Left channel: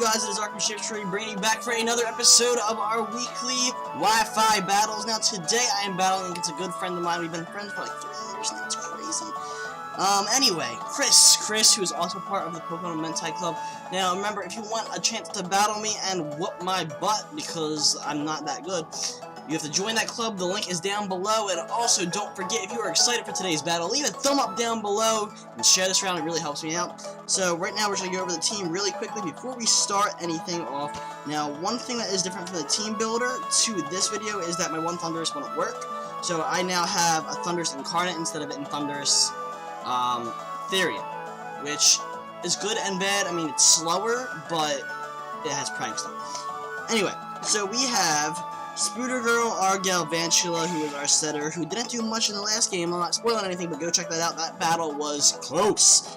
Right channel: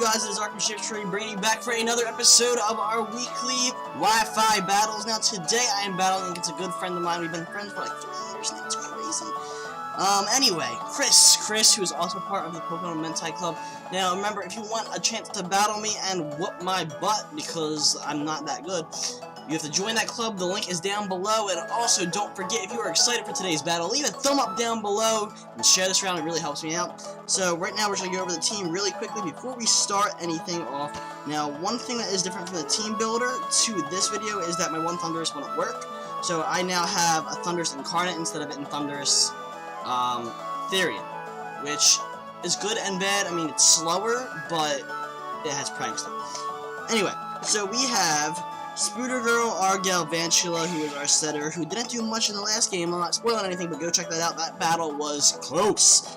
guys? It is Arkham Shiftry bringing you back for another episode of our weekly Wi-Fi battles. Now today I am battling against a good friend of mine. We've been friends for like 3 years now. It's crazy. Anyway, Chris, who is also part of the Pokemon Mentai Club. Now remember, if you want a chance to battle me and whoop my butt because I'm not that good, you have to join that club. The link is down below. And also, don't forget, if you are excited for today's battle, leave a thumb up down below and share this around. It really helps me out. So right now, we're just going to go over the team really quickly before we start anything off. Now, one thing that is different from the team builder to this video is that my one Thundurus wouldn't work. So I now have a Thundurus Incarnate instead of it in Thundurus Therian, which is good and bad. I mean, it's slower, but it has pranks too. Anyway, so we have Spooder Girl, Argal, Vantula, who is our setter, who didn't do much in the last game. I'm not spoiling anything, but go check that out. That battle was close.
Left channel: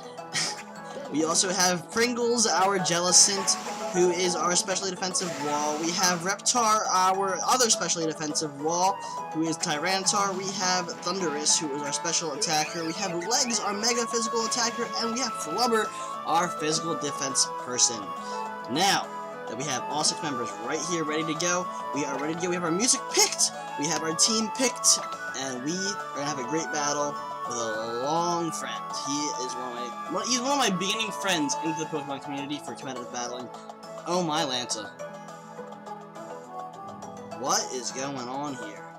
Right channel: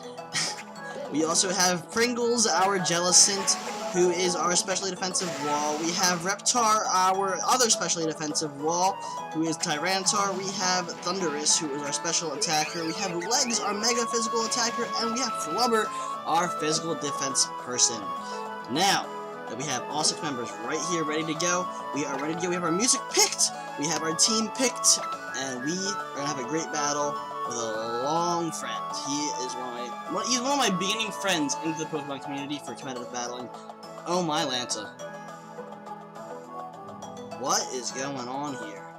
We also have Pringles, our Jellicent, who is our specially defensive wall. We have Reptar, our other specially defensive wall, who is Tyranitar. We have Thundurus, who is our special attacker. We have Legs, our mega physical attacker, and we have Flubber, our physical defense person. Now that we have all 6 members right here ready to go, we are ready to go. We have our music picked, we have our team picked, and we are gonna have a great battle with a long friend. He is he's one of my beginning friends into the Pokemon community for competitive battling. Oh my Lanta. What is going on here?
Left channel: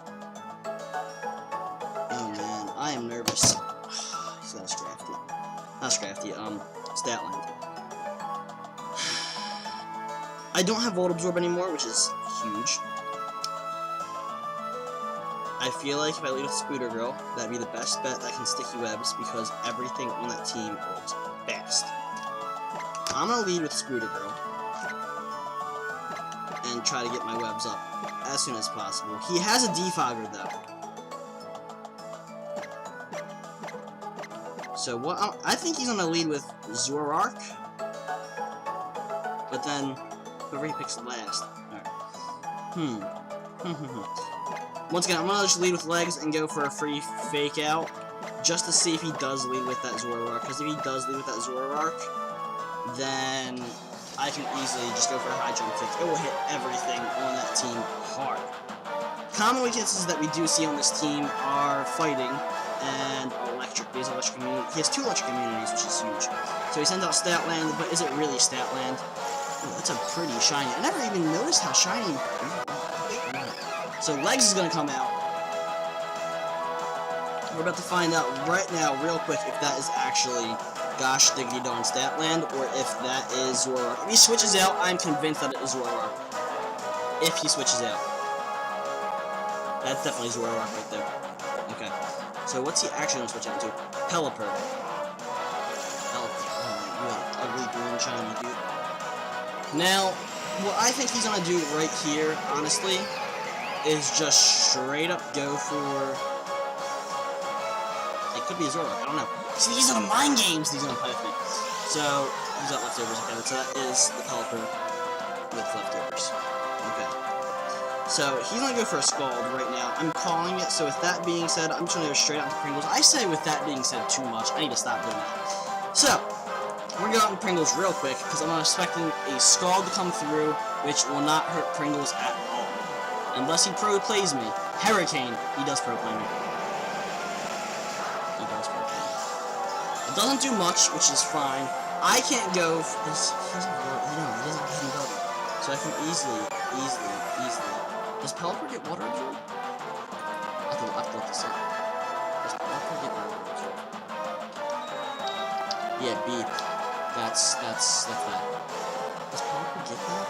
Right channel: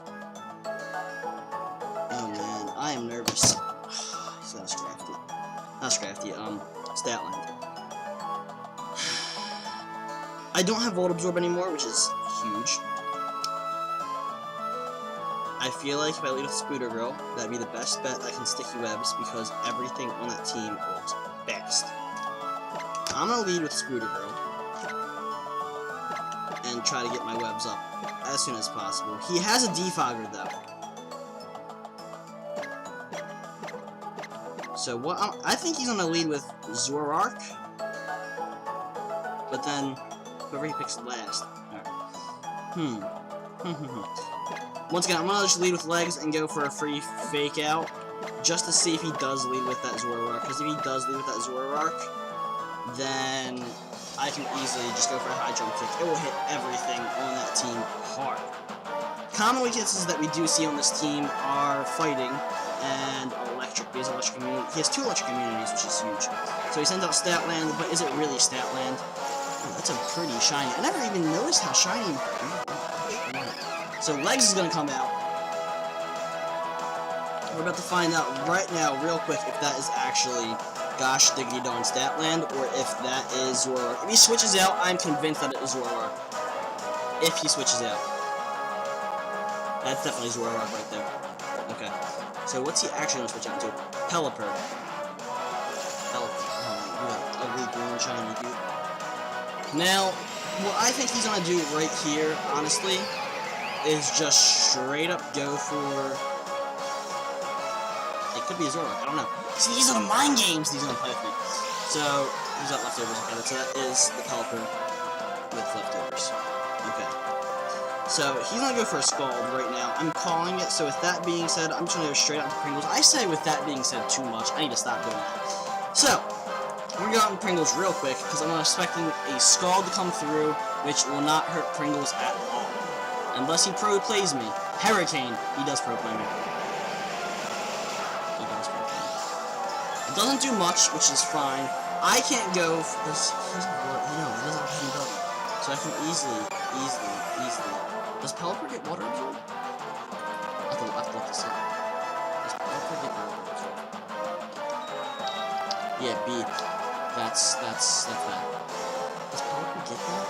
Oh man, I am nervous. He's got a Scrafty. Not Scrafty, Statland. I don't have Volt Absorb anymore, which is huge. I feel like if I lead with Spooder Girl, that'd be the best bet that can sticky webs because everything on that team works fast. I'm gonna lead with Spooder Girl and try to get my webs up as soon as possible. He has a Defogger though. So what I think he's gonna lead with Zoroark, but then whoever he picks last. Alright. Once again, I'm gonna just lead with Legs and go for a free fake out, just to see if he does lead with that Zoroark. Because if he does lead with that Zoroark, then I can easily just go for a high jump kick. It will hit everything on that team hard. Common weaknesses that we do see on this team are fighting and electric. He has electric immunity. He has 2 electric immunities, which is huge. So he sends out Statland, but is it really Statland? Ooh, that's a pretty shiny. I never even noticed how shiny. Oh my gosh, I want it. So Legs is gonna come out. We're about to find out right now, real quick, if that is actually gosh diggity darn Statland, or if that is Zoroark. If he switches out, I'm convinced that it is Zoroark. If he switches out. That's definitely Zoroark right there. Okay. So what's he actually gonna switch out into? Pelipper. Oh, you got an ugly green shiny, dude. Now, what I think he's gonna do right here, honestly, is just straight up go for... It could be a Zoroark, I don't know. See, these are the mind games he's gonna play with me. So, he's got leftovers. Okay, so that is the Pelipper with leftovers. Okay. So, he's gonna go for a Scald right now. I'm calling it, so with that being said, I'm just gonna go straight out into Pringles. I say with that being said too much. I need to stop doing that. So, we're gonna go out in Pringles real quick, because I'm expecting a Scald to come through, which will not hurt Pringles at all. Unless he pro-plays me. Hurricane, he does pro-play me. He does pro-play me. It doesn't do much, which is fine. I can't go for this. He doesn't have hidden ability. So I can easily. Does Pelipper get Water Absorb? I have to look this up. Does Pelipper get Water Absorb? Yeah, beep. That's that. Does Pelipper get that?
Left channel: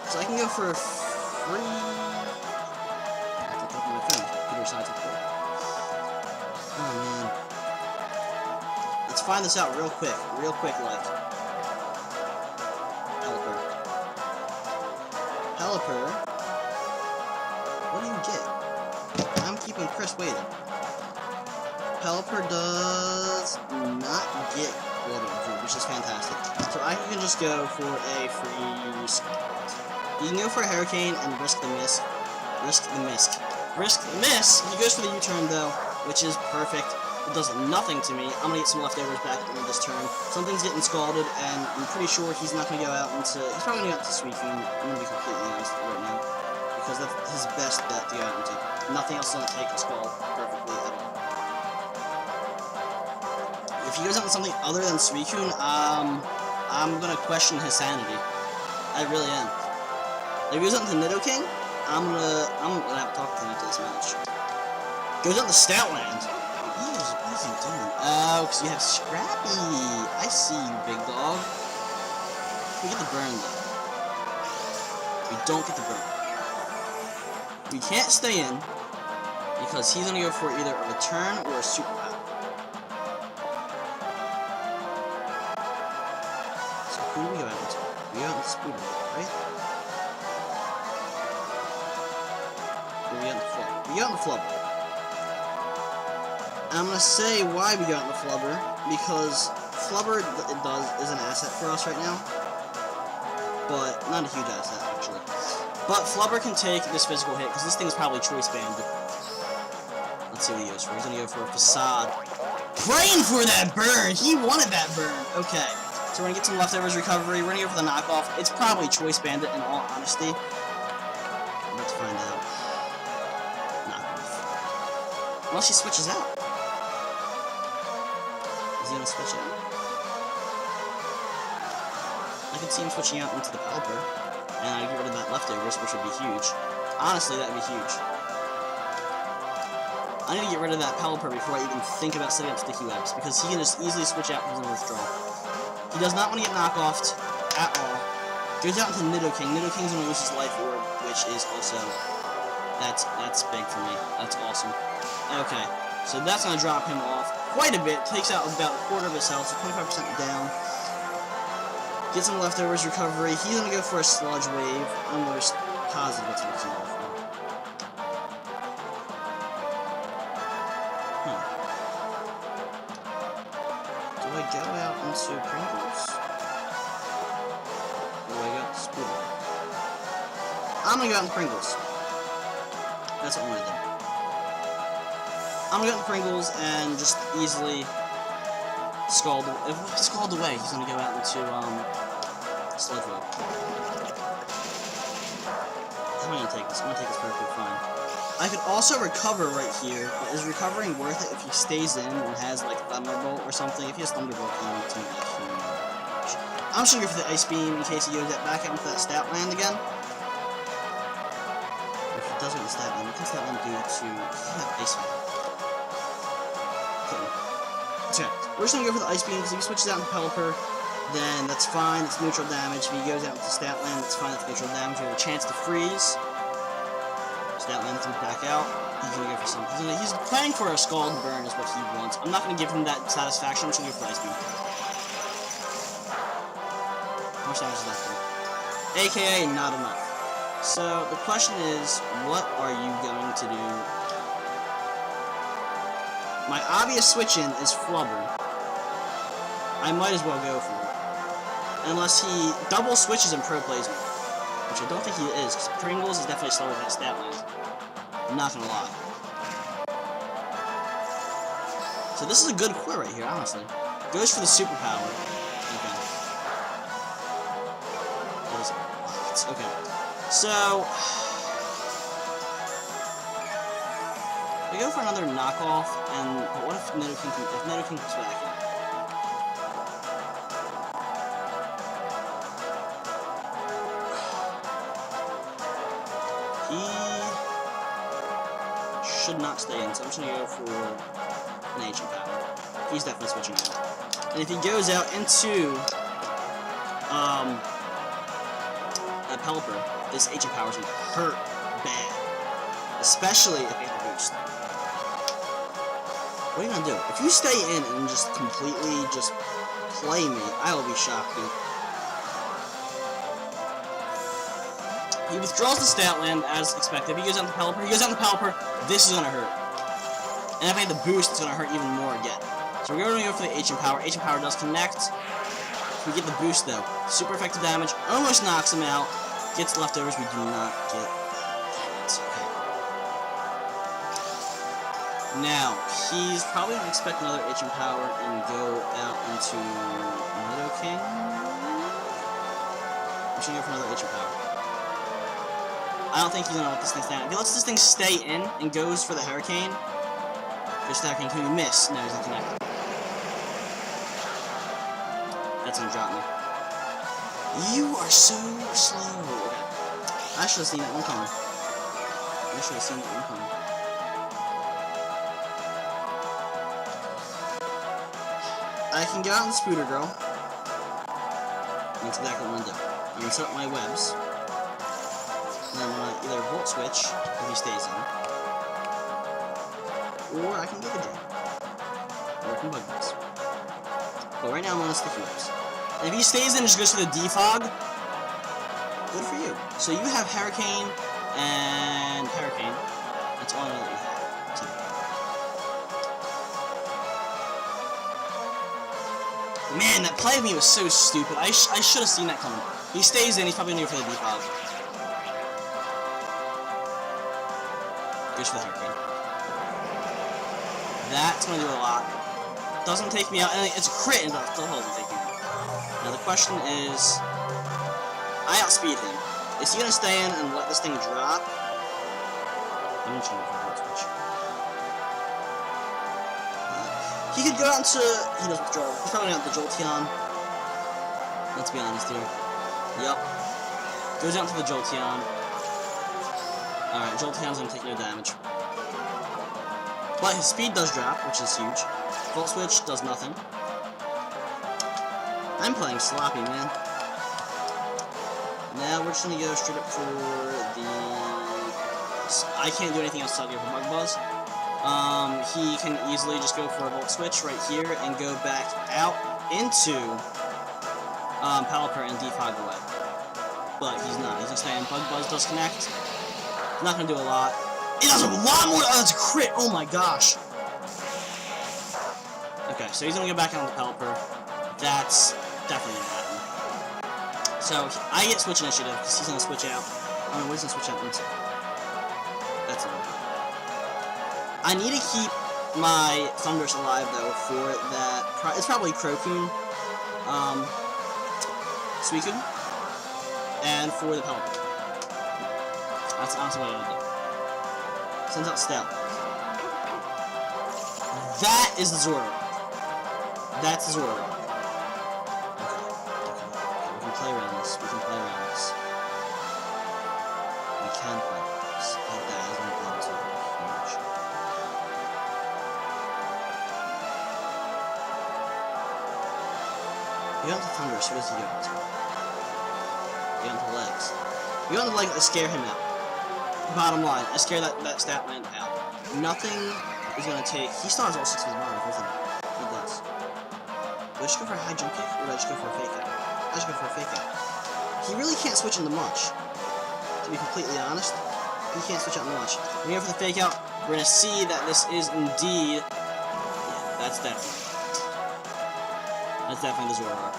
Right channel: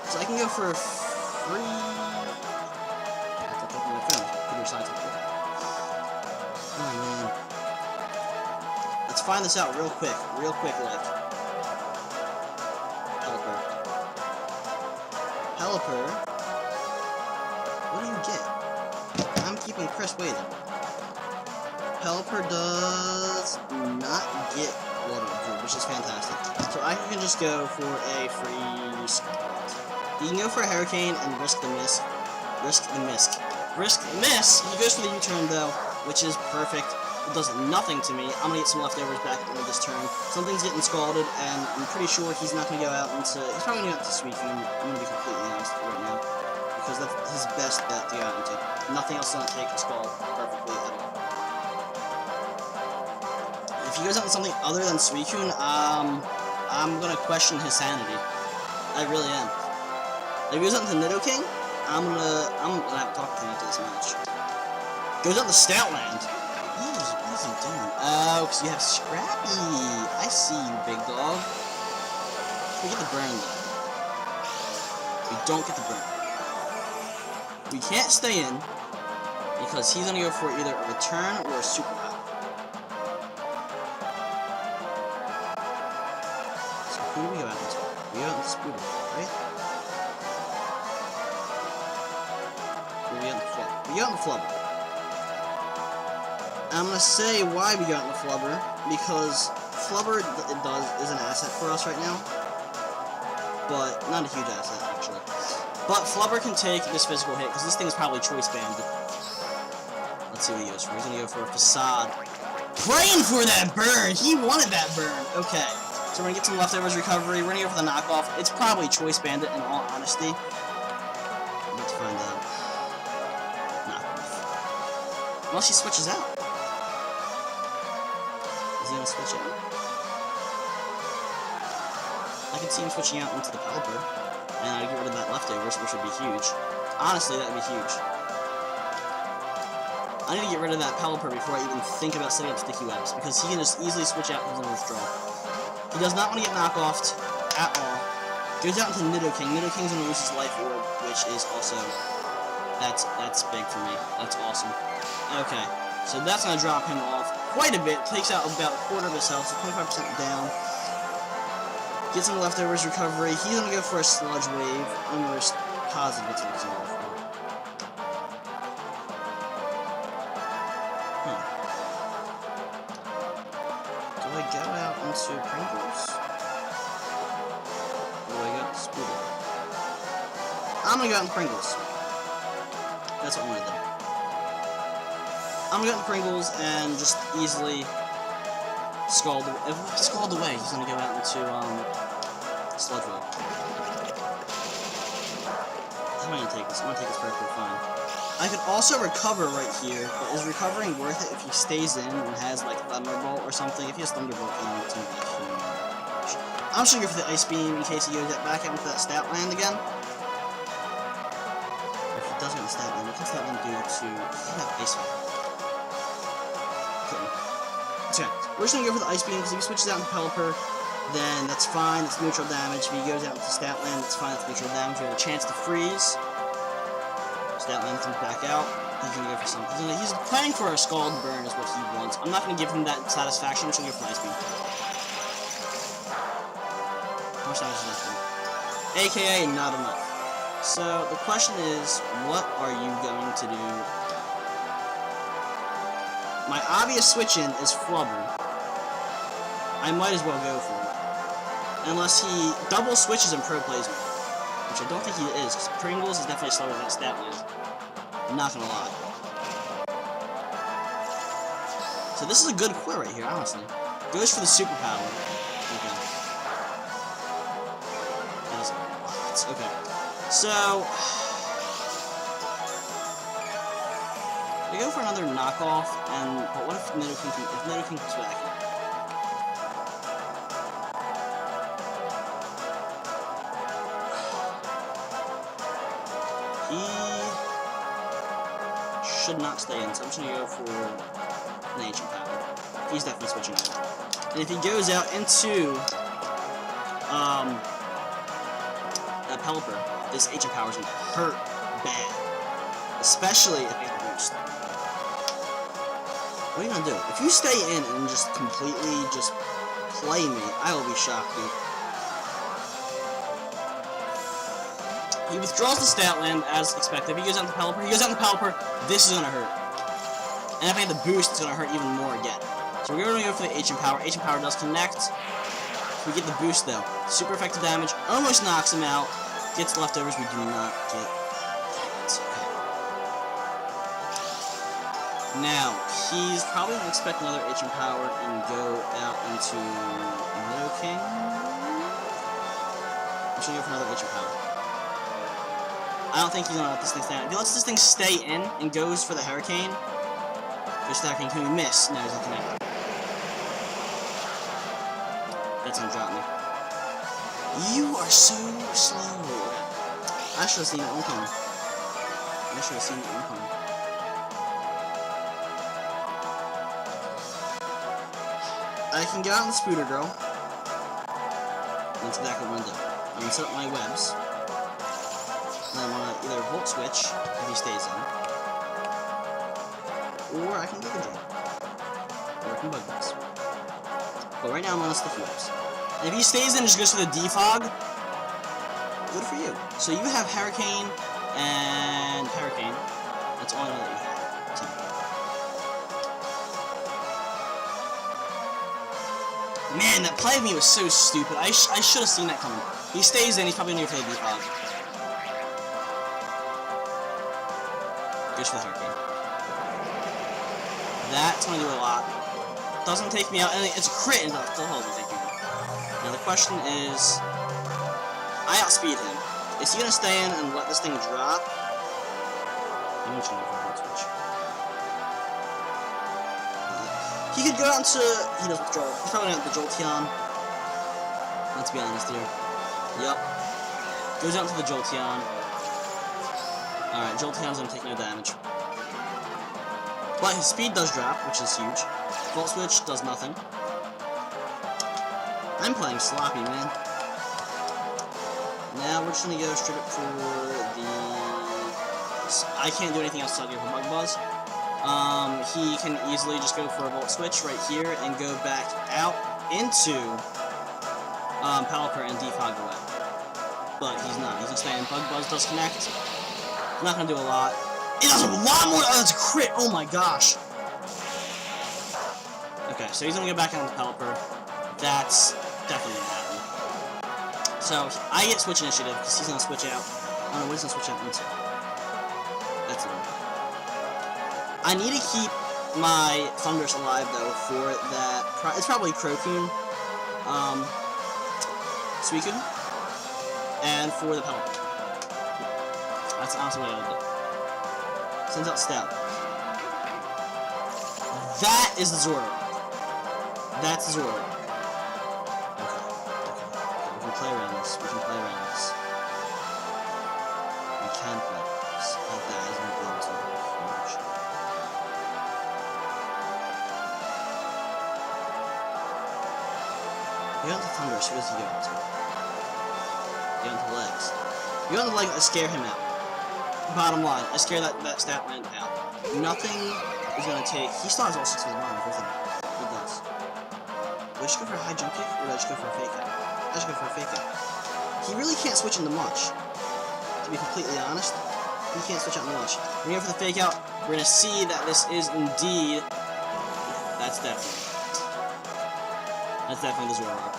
Because I can go for free. I have to look it up on my phone. So computer decides how to work. Oh man. Let's find this out real quick, like. Pelipper. What do you get? I'm keeping Chris waiting. Pelipper does not get Water Absorb, which is fantastic. So I can just go for a free Scald. You can go for a Hurricane and risk the miss. He goes for the U-turn though, which is perfect. it does nothing to me. I'm gonna get some leftovers back at the end of this turn. Something's getting scalded, and I'm pretty sure he's not gonna go out into... He's probably gonna go out into Suicune. I'm gonna be completely honest with you right now. Because that's his best bet to go out into. Nothing else is gonna take a Scald perfectly at all. If he goes out into something other than Suicune, I'm gonna question his sanity. I really am. Like, if he goes out into Nidoking, I'm gonna have to talk with him after this match. Goes out into Stoutland. What is he doing? Oh, because you have Scrappy. I see you, big dog. We get the burn, though. We don't get the burn. We can't stay in, because he's gonna go for either a return or a superpower. So who do we go out into? We go out into Spooter, right? Or we go out into Flubber? We go out into Flubber. I'm gonna say why we go out into Flubber, because Flubber is an asset for us right now, but not a huge asset actually. But Flubber can take this physical hit because this thing is probably choice banded. Let's see what he goes for. He's gonna go for a Facade. Praying for that burn! He wanted that burn! Okay. So we're gonna get some leftovers recovery. We're gonna go for the knockoff. It's probably choice banded in all honesty. We're about to find out. Knockoff. Unless he switches out. Is he gonna switch out? I could see him switching out into the Pelipper, and I'd get rid of that leftovers, which would be huge. Honestly, that'd be huge. I need to get rid of that Pelipper before I even think about setting up Sticky Webs, because he can just easily switch out and he's gonna withdraw. He does not want to get knockoffed at all. Goes out into Nidoking. Nidoking's gonna lose his Life Orb, which is also... That's big for me. That's awesome. Okay. So that's going to drop him off quite a bit. Takes out about a quarter of his health, so 25% down. Get some leftovers recovery. He's going to go for a Sludge Wave. I'm almost positive that's what he's going to go for. Huh. Do I go out into Pringles? Or do I go out into Spooter? I'm going to go out into Pringles. That's what I want to do. I'm gonna go into Pringles and just easily Scald away. If I Scald away, he's gonna go out into Sludge Wave. How am I gonna take this? I'm gonna take this perfectly fine. I could also recover right here, but is recovering worth it if he stays in and has like Thunderbolt or something? If he has Thunderbolt, then it's gonna be huge. I'm just gonna go for the Ice Beam in case he goes back out into that Statland again. If he does go into Statland, what can Statland do to... He could have Ice Fan. Couldn't. Okay, we're just gonna go for the Ice Beam, because if he switches out into Pelipper, then that's fine, that's neutral damage. If he goes out into Statland, that's fine, that's neutral damage. We have a chance to freeze. Statland comes back out. He's gonna go for something. He's praying for a Scald Burn is what he wants. I'm not gonna give him that satisfaction, I'm just gonna go for the Ice Beam. How much damage does that do? AKA, not enough. So, the question is, what are you going to do now? My obvious switch-in is Flubber. I might as well go for it. Unless he double switches and Pro Plays me. Which I don't think he is, because Pringles is definitely slower than that Statland. I'm not gonna lie. So this is a good core right here, honestly. Goes for the superpower. Okay. That does a lot. Okay. So, we go for another knockoff, but what if Nidoking comes back in? He should not stay in, so I'm just gonna go for an Ancient Power. He's definitely switching out. And if he goes out into that Pelipper, this Ancient Power is going to hurt bad. Especially if I get the boost. What are you going to do? If you stay in and just completely just play me, I will be shocked, dude. He withdraws the Statland as expected. If he goes out to Pelipper, this is going to hurt. And if I get the boost, it's going to hurt even more again. So we're going to go for the Ancient Power. Ancient Power does connect. If we get the boost, though, super effective damage, almost knocks him out. Gets leftovers, we do not get... Dang it. Now, he's probably going to expect another HM power and go out into Mido King. I'm just going to go for another HM power. I don't think he's going to let this thing stay on. If he lets this thing stay in and goes for the Hurricane, can we miss? No, he's going to connect. That's going to drop me. You are so slow. Okay. I should have seen that one coming. I can go out on the Spooter Girl. That's exactly what I'm gonna do. I'm gonna set up my webs. And I'm gonna either Volt Switch, if he stays in. Or I can Giga Drain. Or I can Bug Buzz. But right now I'm gonna Sticky Webs. And if he stays in and just goes for the Defog, good for you. So you have Hurricane and Hurricane. That's all I know that you have. Sorry. Man, that play of me was so stupid. I should have seen that coming. He stays in, he's probably gonna go for the Defog. Goes for the Hurricane. That's gonna do a lot. Doesn't take me out, and it's a crit, and still doesn't take me out. Now the question is, I outspeed him. Is he gonna stay in and let this thing drop? I'm just gonna go for a Volt Switch. He could go out into... He does withdraw. He's probably out the Jolteon. Let's be honest here. Yup. Goes out into the Jolteon. Alright, Jolteon's gonna take no damage. But his speed does drop, which is huge. Volt Switch does nothing. I'm playing sloppy, man. Now we're just gonna go straight up for the Bug Buzz. I can't do anything else to go for Bug Buzz. He can easily just go for a Volt Switch right here and go back out into Pelipper and Defog away. But he's not. He's gonna stay in. Bug Buzz does connect. It's not gonna do a lot. It does a lot more. Oh, that's a crit. Oh my gosh. Okay, so he's gonna go back out into Pelipper. That's definitely gonna happen. So I get switch initiative because he's gonna switch out. I don't know what he's gonna switch out into. That's the only problem. I need to keep my Thundurus alive though for that. It's probably Crocoon, Suicune, and for the Pelipper. That's honestly what I would do. Sends out Stale. That is the Zoroark. That's the Zoroark. Okay. We can play around this. We can play around this. That hasn't been sort of huge. You go into Thundurus, who does he go into? You go into Legs. You go into Legs, I scare him out. Bottom line, I scare that Statland out. Nothing is gonna take... He still has all 6 of his bombs, doesn't he? He does. Do I just go for a high jump kick, or do I just go for a fake out? I should go for a fake out. He really can't switch into much. To be completely honest, he can't switch out into much. We're gonna go for the fake out. We're gonna see that this is indeed... Yeah, that's definitely the Zoroark.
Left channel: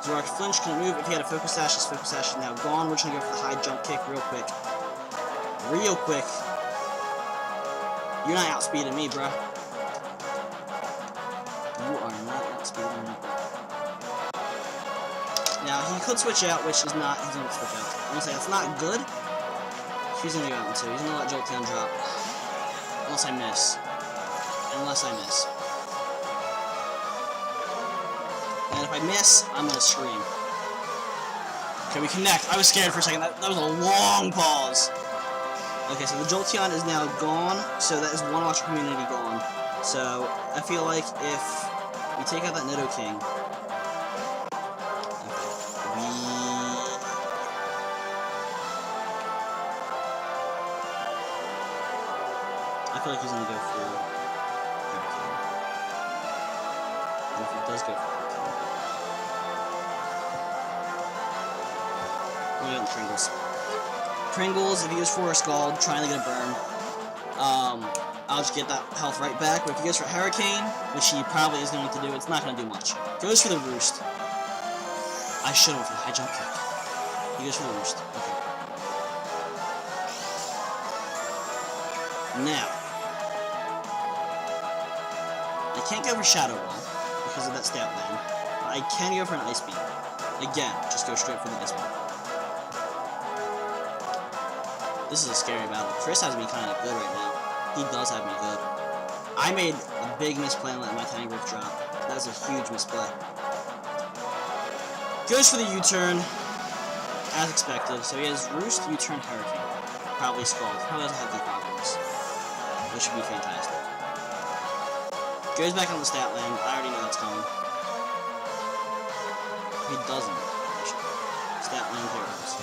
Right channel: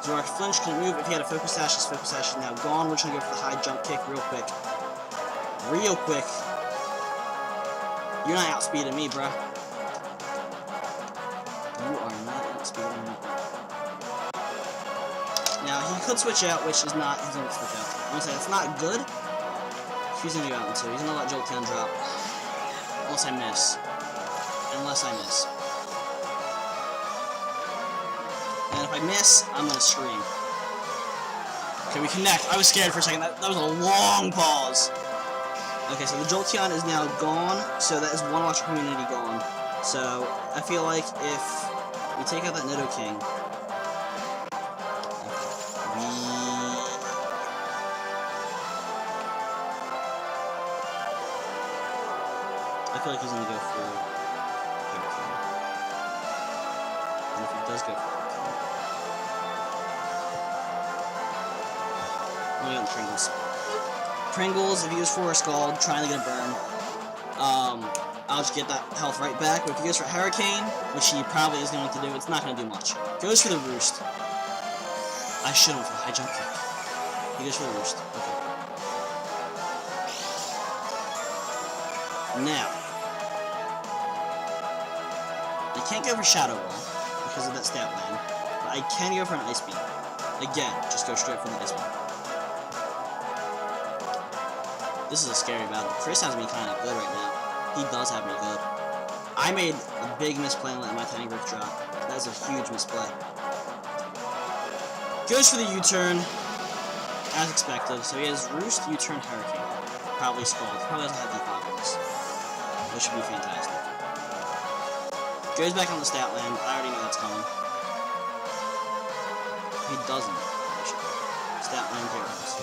Zoroark flinch, couldn't move. If he had a Focus Sash, his Focus Sash is now gone. We're just gonna go for the high jump kick real quick. Real quick. You're not outspeeding me, bruh. You are not outspeeding me, bruh. Now, he could switch out, which is not... He's gonna switch out. I'm gonna say that's not good. He's gonna go out into. He's gonna let Jolteon drop. Unless I miss. And if I miss, I'm gonna scream. Okay, we connect. I was scared for a second. That was a long pause. Okay, so the Jolteon is now gone. So that is one Watcher community gone. So I feel like if we take out that Nido King. Okay, I feel like he's gonna go for Hurricane. And if he does go for Hurricane, I'm gonna go on Pringles. Pringles, if he goes for a Scald, trying to get a burn, I'll just get that health right back. But if he goes for Hurricane, which he probably is going to do, it's not going to do much. Goes for the Roost. I should have went for the high jump kick. He goes for the Roost. Okay. Now, I can't go for Shadow Ball because of that stat land, but I can go for an Ice Beam. Again, just go straight for the Ice Beam. This is a scary battle. Chris has me kind of good right now. He does have me good. I made a big misplay on letting my Tiny Growth drop. That was a huge misplay. Goes for the U-turn, as expected. So he has Roost, U-turn, Hurricane. Probably Scald. He probably doesn't have Defog on this, which would be fantastic. Goes back on the stat land. I already know that's coming. If he doesn't, I'll be shocked. Stat land, here it comes.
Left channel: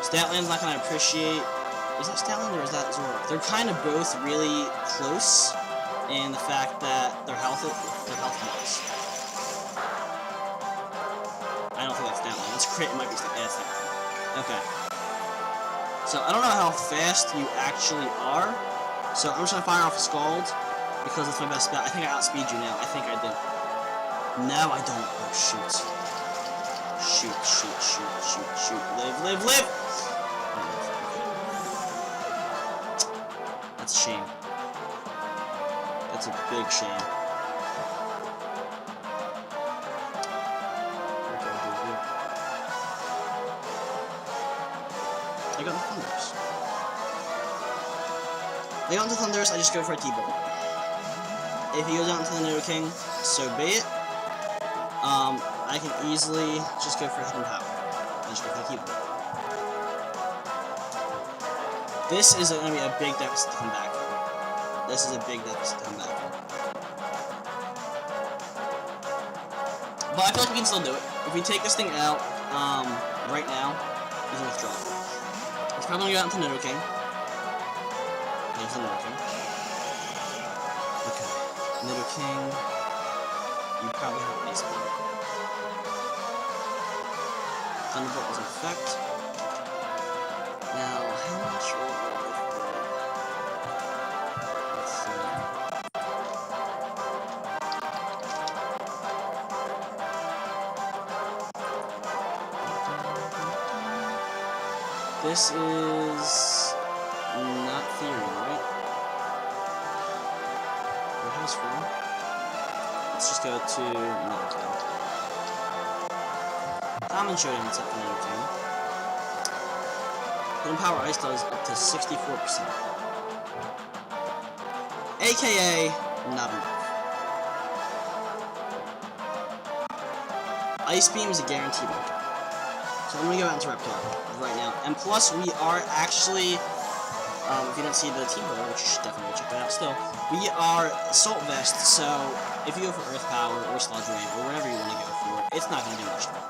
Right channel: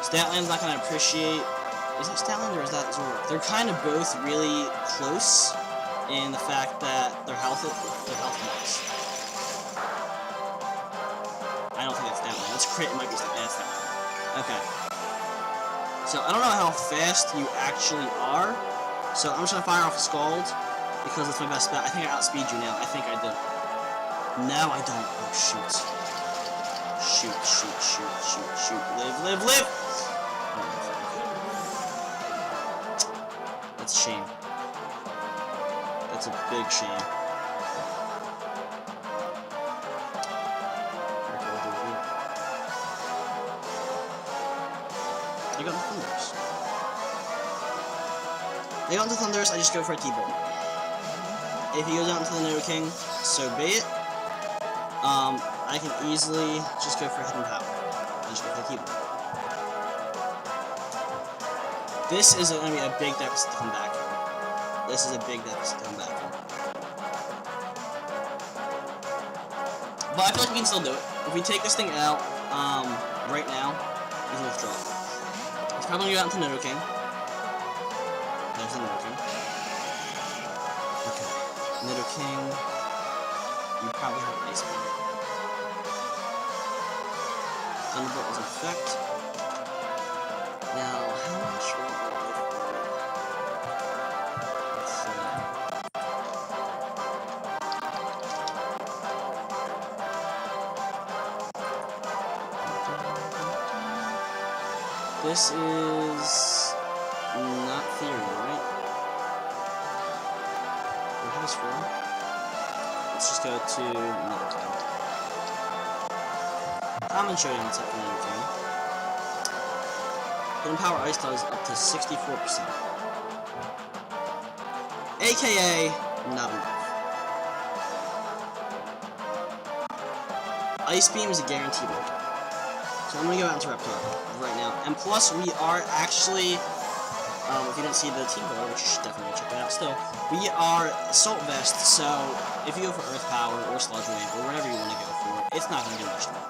Statland's not gonna appreciate. Is that Statland or is that Zoroark? They're kind of both really close in the fact that their health was. I don't think that's Statland. That's crit. It might be Statland. Okay. So I don't know how fast you actually are. So I'm just gonna fire off a Scald because it's my best bet. I think I outspeed you now. I think I do. No, I don't. Oh shoot. Shoot, shoot, shoot, shoot, shoot. Live, live, live! I don't live. Okay. That's a shame. That's a big shame. What do I do here? I got into Thundurus. I got into Thundurus, I just go for a T-Bolt. If he goes out into the Nidoking, so be it. I can easily just go for Hidden Power. I just go for the T-Bolt. This is going to be a big deficit to come back from. This is a big deficit to come back from. But I feel like we can still do it. If we take this thing out, right now, he's in withdrawal. He's probably going to go out into Nidoking. There's the Nidoking. Okay. Nidoking. You probably have Ice Beam. Thunderbolt doesn't affect. Now, how much will a Life Orb? Let's say. This is not Theory, right? What has form? Let's just go to Nidoking. Common Showdown set for Nidoking. Hidden Power Ice does up to 64%. AKA, not enough. Ice Beam is a guaranteed OHKO. So I'm gonna go out into Reptar right now. And plus, we are actually, if you didn't see the team builder, which you should definitely go check it out still, we are Assault Vest, so if you go for Earth Power or Sludge Wave or whatever you want to go for, it's not going to do much to me.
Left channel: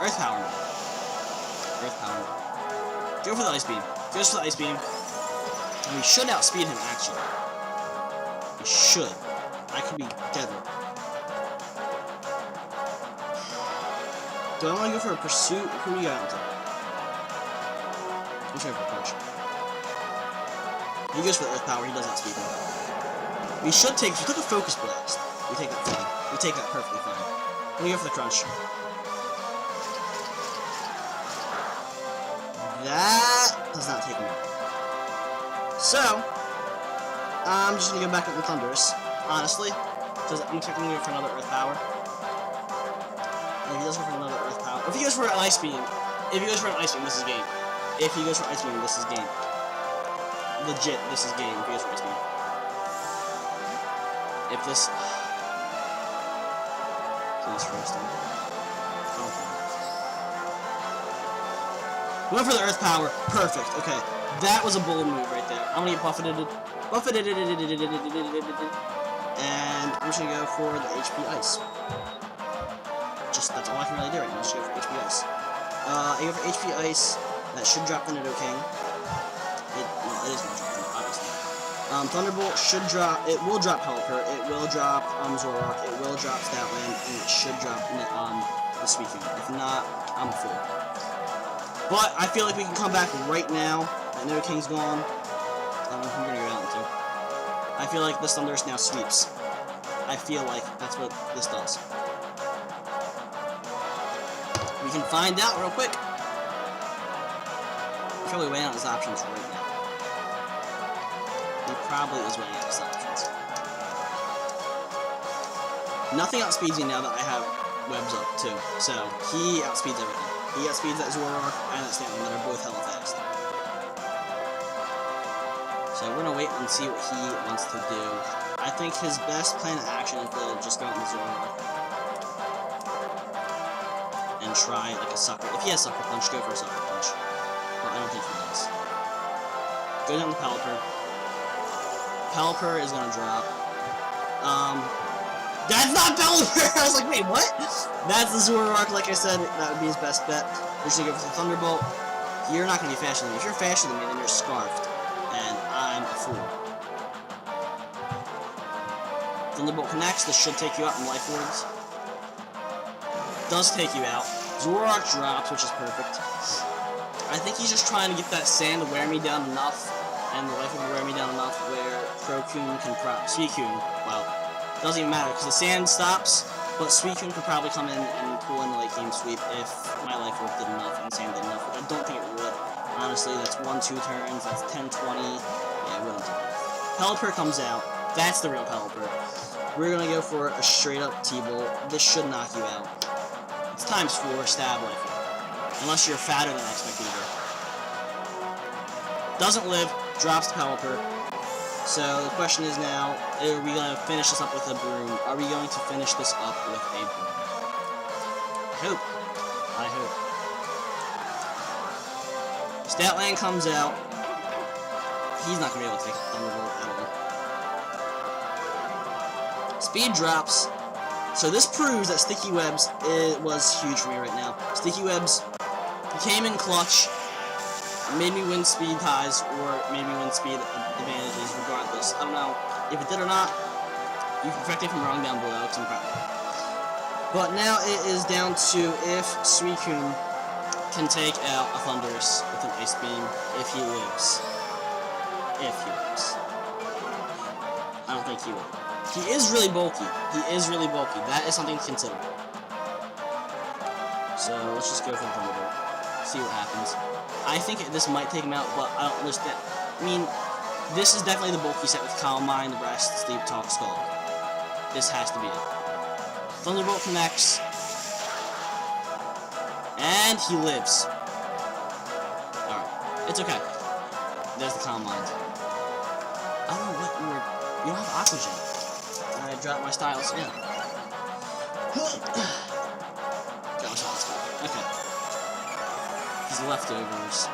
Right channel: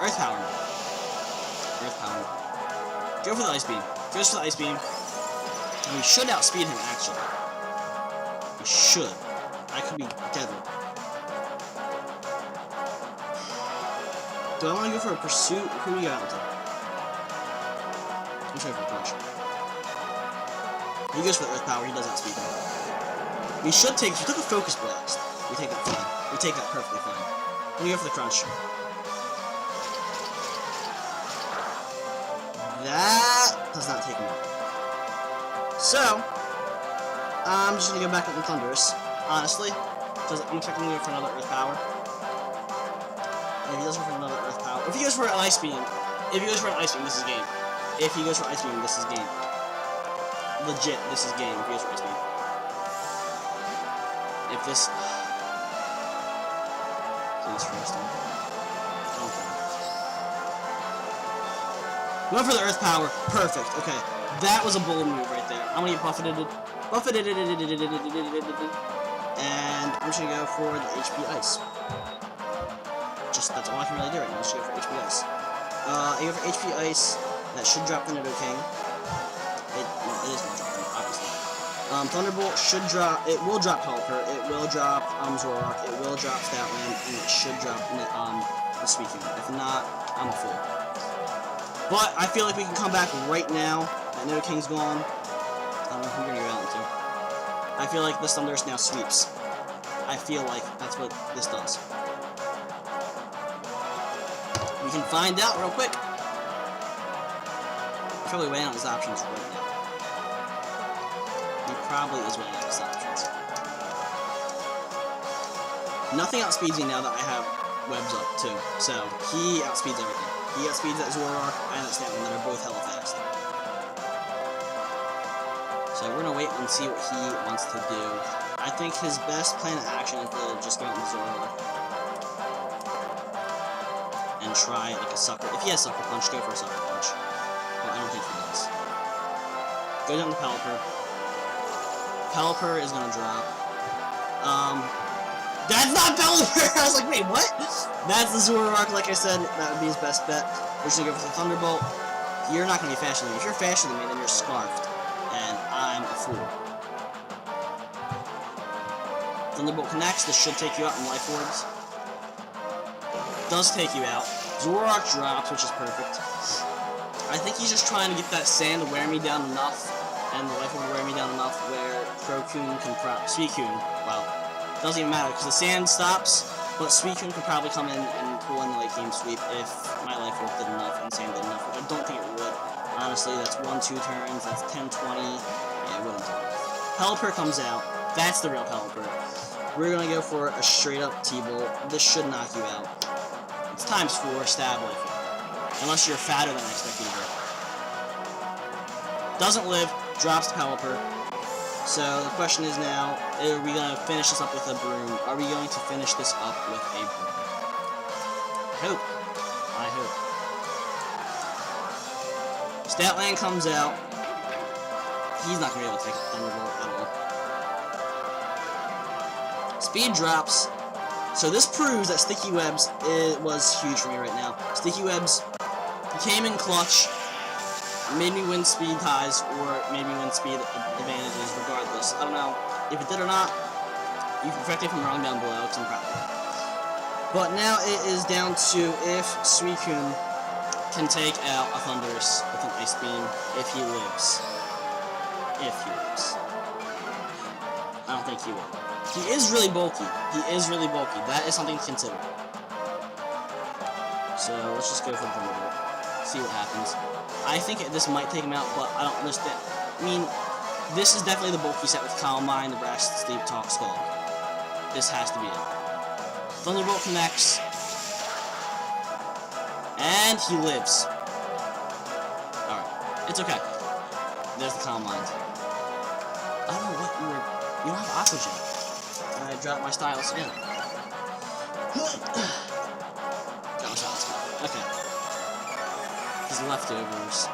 Earth Power mode. Earth Power mode. Go for the Ice Beam. Goes for the Ice Beam. And we should outspeed him, actually. We should. I could be dead wrong. Do I want to go for a Pursuit? Who do we got into? I'm going to go for a Crunch. He goes for the Earth Power, he does outspeed me. We should take, if we took a Focus Blast, we take that fine. We take that perfectly fine. Let me go for the Crunch. That does not take him out. So, I'm just going to go back up on Thundurus, honestly, because I'm expecting him to go for another Earth Power. And if he does go for another Earth Power, or if he goes for an Ice Beam, if he goes for an Ice Beam, this is game. If he goes for Ice Beam, this is game. Legit, this is game if he goes for Ice Beam. If this... Please, Chris, don't do it. Don't do it. We went for the Earth Power. Perfect. Okay. That was a bold move right there. I'm gonna get buffeted. And I'm just gonna go for the HP Ice. Just, that's all I can really do right now. Just go for HP Ice. I go for HP Ice. That should drop the Nidoking. Well, it is gonna drop them, obviously. Thunderbolt should drop. It will drop Pelipper. It will drop Zoroark. It will drop Statland, and it should drop the Suicune. If not, I'm a fool. But I feel like we can come back right now. That Nidoking's gone. I don't know who you're gonna go out into. I feel like this Thundurus now sweeps. I feel like that's what this does. We can find out real quick. He's probably weighing out his options right now. He probably is weighing out his options. Nothing outspeeds me now that I have webs up, too. So, he outspeeds everything. He outspeeds that Zoroark and that Statling that are both hella fast. So, we're gonna wait and see what he wants to do. I think his best plan of action is to just go out in the Zoroark and try, like, a Sucker. If he has Sucker Punch, go for a Sucker Punch. But I don't think he does. Go down the Pelipper. Pelipper is gonna drop. That's not Pelipper! I was like, wait, what? That's the Zoroark, like I said, that would be his best bet. We're just gonna go for the Thunderbolt. You're not gonna be faster than me. If you're faster than me, then you're Scarfed. And I'm a fool. Thunderbolt connects. This should take you out in Life Orbs. Does take you out. Zoroark drops, which is perfect. I think he's just trying to get that sand to wear me down enough, and the Life Orb to wear me down enough where Suicune can Suicune, well, doesn't even matter, because the sand stops, but Suicune could probably come in and pull in the late game sweep if my Life Orb did enough and sand did enough, which I don't think it would. Honestly, that's 1-2 turns, that's 10-20, yeah, it wouldn't do enough. Pelipper comes out, that's the real Pelipper. We're gonna go for a straight up T-Bolt. This should knock you out. It's ×4 stab Life Orb. Unless you're fatter than I expect you to be. Doesn't live, drops to Pelipper. So the question is now, are we going to finish this up with a broom? Are we going to finish this up with a broom? I hope. I hope. Statland comes out. He's not going to be able to take a Thunderbolt at all. Speed drops. So this proves that Sticky Webs was huge for me right now. Sticky Webs came in clutch, made me win speed ties, or made me win speed advantages, regardless. I don't know if it did or not. You can correct me if I'm wrong down below, because I'm probably wrong. But now it is down to if Suicune can take out a Thundurus with an Ice Beam, if he lives. If he lives. I don't think he will, though. He is really bulky. He is really bulky. That is something to consider. So, let's just go for the Thunderbolt. See what happens. I think this might take him out, but I don't understand. I mean, this is definitely the bulky set with Calm Mind, Rest, Sleep, Talk, Scald. This has to be it. Thunderbolt connects. And he lives. Alright. It's okay. There's the Calm Mind. I don't know what you were... You don't have Aqua Jet. I dropped my stylus again. Got my stylus back. Okay. He's leftovers.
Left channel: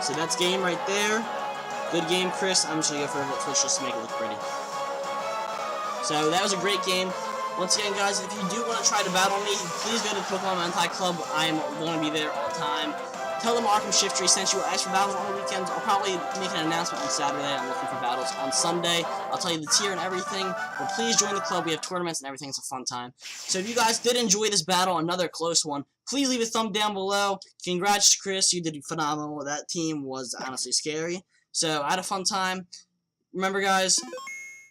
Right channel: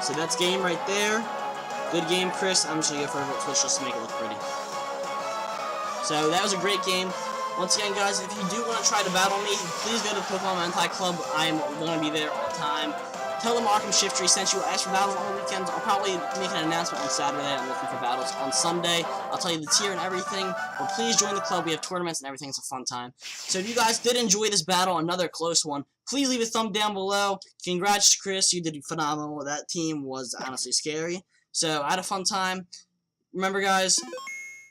So that's game right there. Good game, Chris. I'm just gonna go for a Volt Switch just to make it look pretty. So that was a great game. Once again, guys, if you do want to try to battle me, please go to the Pokemon Mentai Club. I'm gonna be there all the time. Tell them Arkham Shiftry sent you. Ask for battles on the weekends. I'll probably make an announcement on Saturday. I'm looking for battles on Sunday. I'll tell you the tier and everything. But please join the club. We have tournaments and everything. It's a fun time. So if you guys did enjoy this battle, another close one, please leave a thumb down below. Congrats, Chris. You did phenomenal. That team was honestly scary. So I had a fun time. Remember, guys,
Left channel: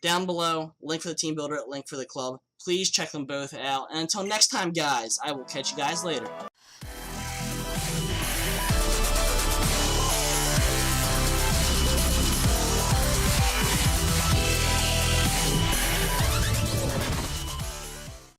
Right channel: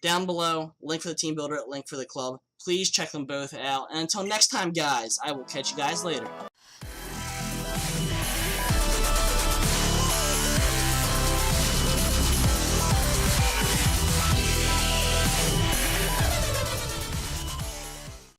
down below, link for the team builder, link for the club. Please check them both out. And until next time, guys, I will catch you guys later.